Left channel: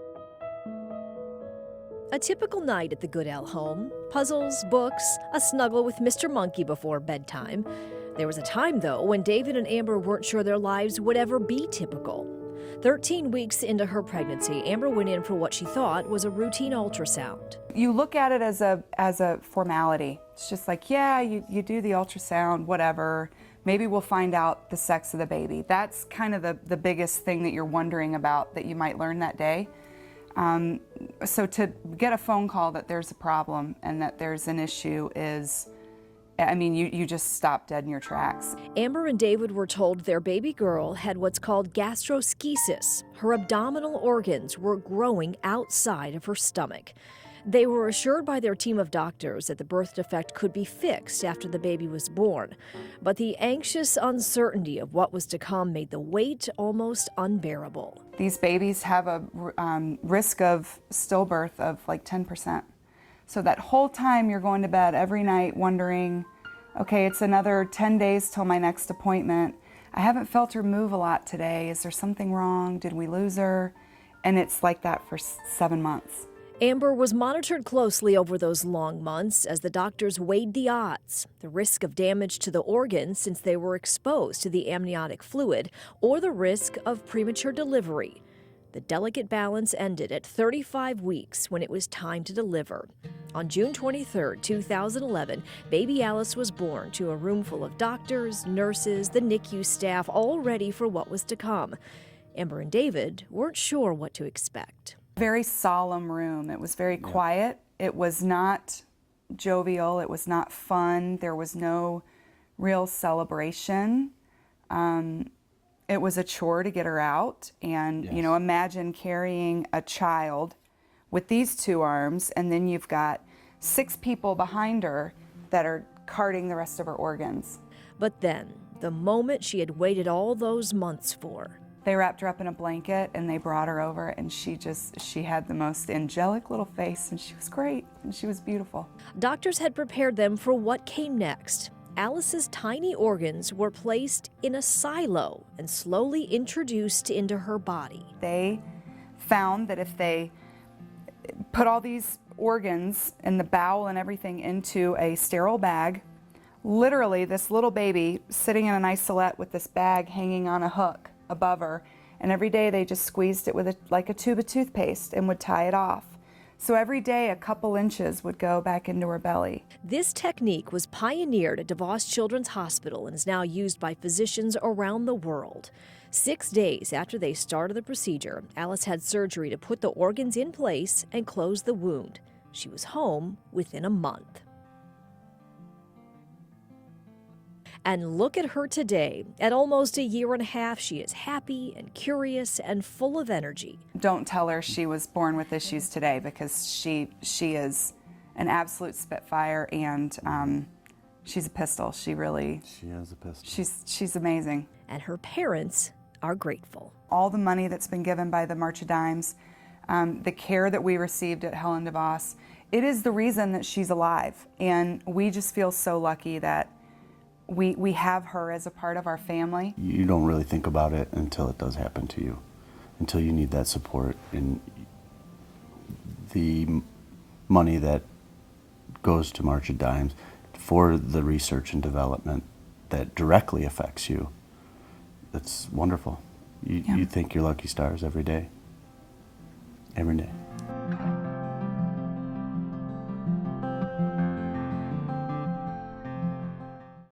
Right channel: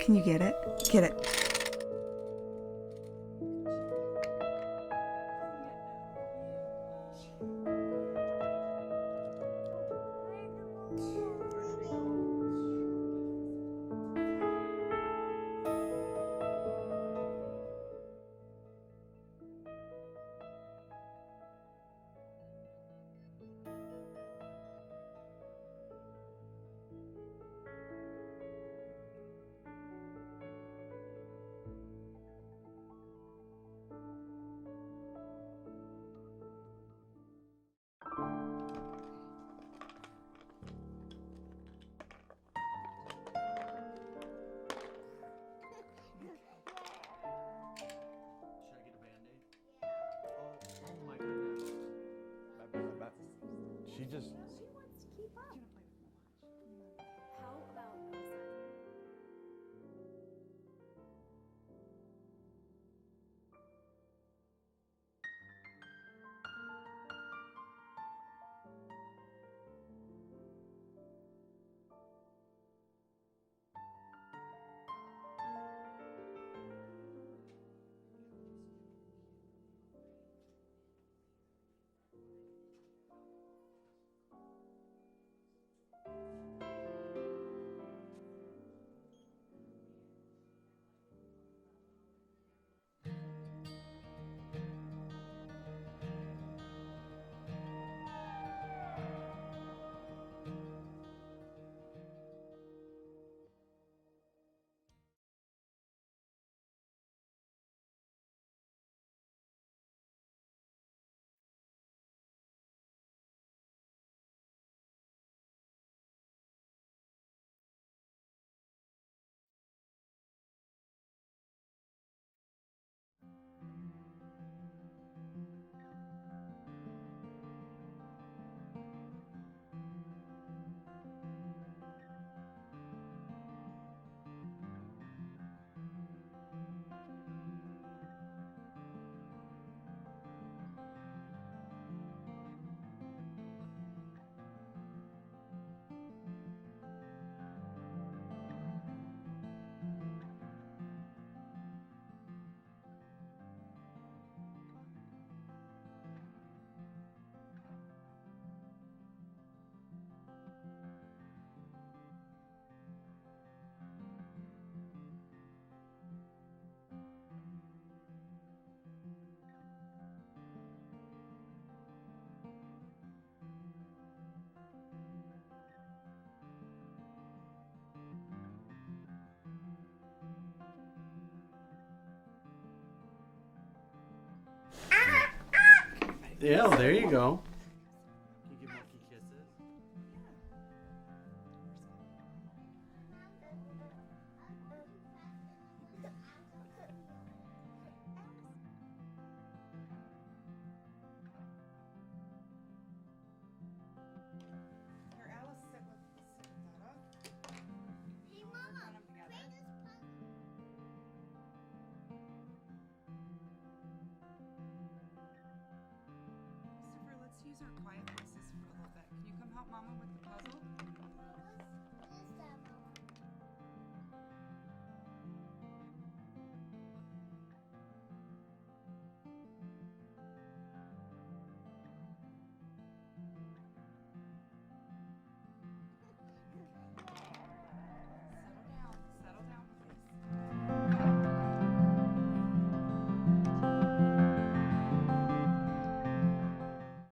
Can you get it? Get it. A typical night at the Goodell home. Puzzles, books, a snuggle with Mr. Monkey before bedtime. There was a time, though, when David and Amber weren't sure their lives would ever be typical. 13 weeks into her pregnancy, Amber went in for what she thought was a routine ultrasound. You look at it as a formality. It's just like, yeah, you do the ultrasound, whatever. Maybe we'll find out the sex of the baby. That's kind of the biggest thing that you're wondering about that you might learn that day. So to get a phone call that there's a problem and that there's an issue is, I mean, you just stop dead in your tracks. Amber and David were told their baby girl had what's called gastroschisis. Her abdominal organs were growing outside of her stomach. They were assured by their team of doctors that the birth defect could be fixed after the baby was born. But the anxious uncertainty of what was to come made the wait almost unbearable. These babies have a risk of stillbirth of like 10%. So that whole time you're going to bed every night wondering, okay, it's another 10 days till my next appointment. I haven't felt her move a lot today. Is there something wrong? Did we lose her? And it's like that for 7 months. Amber was monitored closely over those long months as the doctors weighed the odds, the risk of damage to the organs since they were exposed to the amniotic fluid, or the risk of premature delivery. The delicate balance ended at 35 weeks when it was time to deliver. On June 23, 2011, baby Alice was born to a room full of doctors, nurses, the NICU staff, all ready for what was to come. Amber and David weren't sure what to expect. Very solemn room. It was very quiet. It was not jovial. It was not fun. There was no real celebration. It was a chore to get her out. And, you know, imagine carrying a child with these 2 arms, and then you've got 6 people behind her that are carting the rest of her organs. But then, the moment she had waited all those months for. They wrapped her up in a blanket and they brought her over, and she had the most angelic little face, and she was great, and she was beautiful. Doctors had prepared them for what came next. Alice's tiny organs were placed in a silo and slowly introduced into her body. They found that if they put all these organs and the bowel and everything into a sterile bag, literally this little baby sitting in an isolette with this bag hanging on a hook above her, and every day they just squeezed it with like a tube of toothpaste and would tie it off. So every day a couple inches would go back into her belly. This technique was pioneered at DeVos Children's Hospital and is now used by physicians around the world. 6 days after they started the procedure, Alice had surgery to put the organs in place and close the wound. She was home within a month. Yeah, there you go. And look at her today. At almost a year and a half, she is happy and curious and full of energy. Don't tell her she was born with issues today, because she is an absolute spitfire, and she's a pistol. She is a pistol. She's amazing. And her parents are grateful. All the money that's been given by the March of Dimes, the care that we received at Helen DeVos, it is the reason that she's alive. And we just feel so lucky that we have her as a part of our family. You don't really think about it until it does happen to you, until you need that support. And the money that goes to March of Dimes for the research and development that directly affects you, that's wonderful. You think you're lucky stars every day. Every day.